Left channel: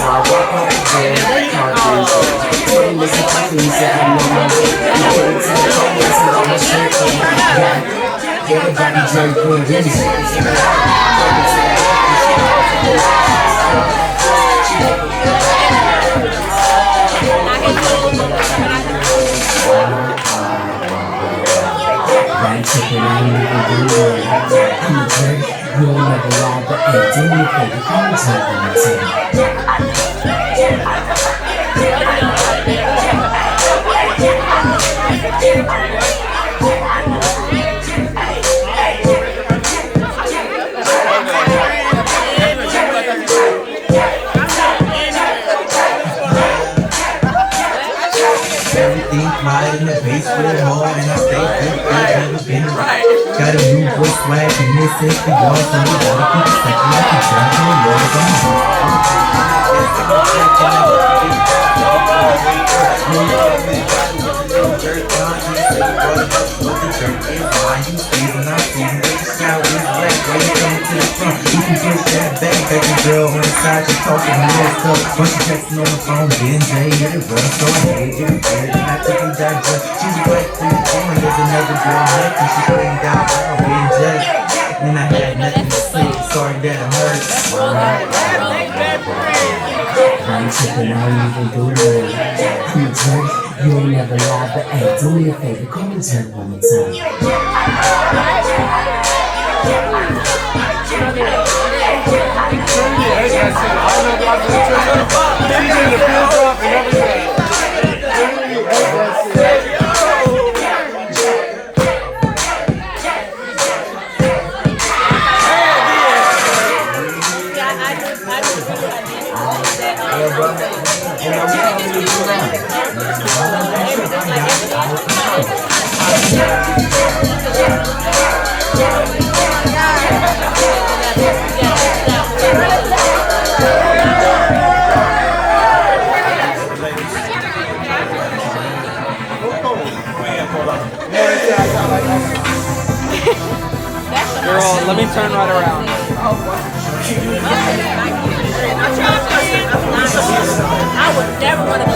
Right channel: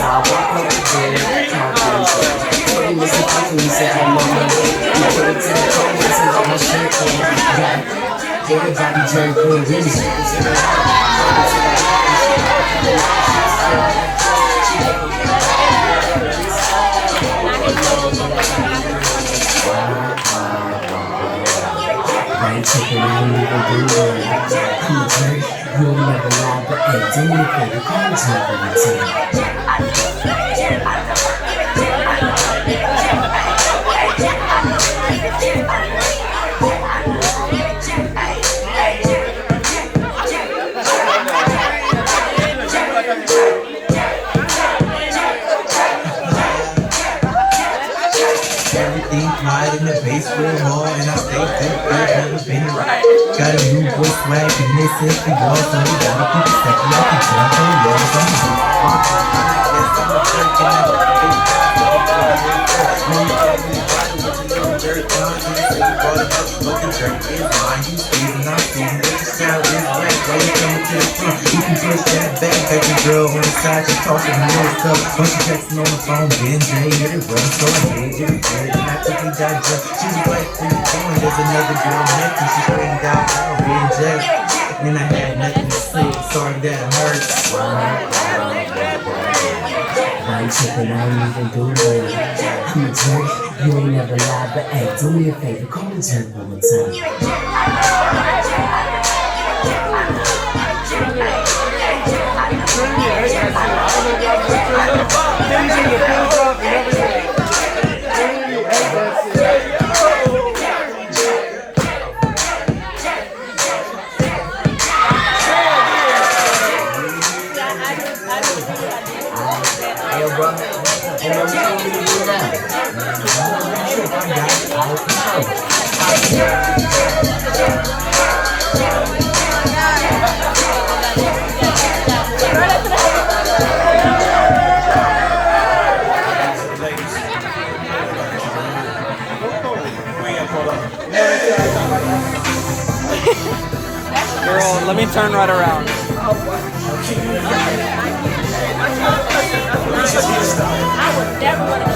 sidewalk over there, carpets. Hey, Mr. Puffy said I'm the money. You put it to the comments and all my shit. Everybody jerk for a reason. Right, check it out, nigga, do it. You jerk, you'll never lie, but hey, do me a favor, come and tell me something. Everything quiet in the base real hard, and I stay never been right. Got a new boy swag, and this is the wall, so we gotta keep it second like a jump on the walls. Very conscious, looking jerk is mine. You season, I'm season, but the style is right. Where you coming to the front? You can push that back, baby girl on the side, just talking to me stuff. Bunch of texting on the phone, Ben J, hit it, run, so I hate it. And I took me that just, she's right through the corner. There's another girl next, and she screamed out, oh, Ben J. And I had nothing to say, sorry that I hurt. Right, check it out, nigga, do it. You jerk, you'll never lie, but hey, do me a favor, come and tell me one more time. Girl, let me turn right around. I would never want to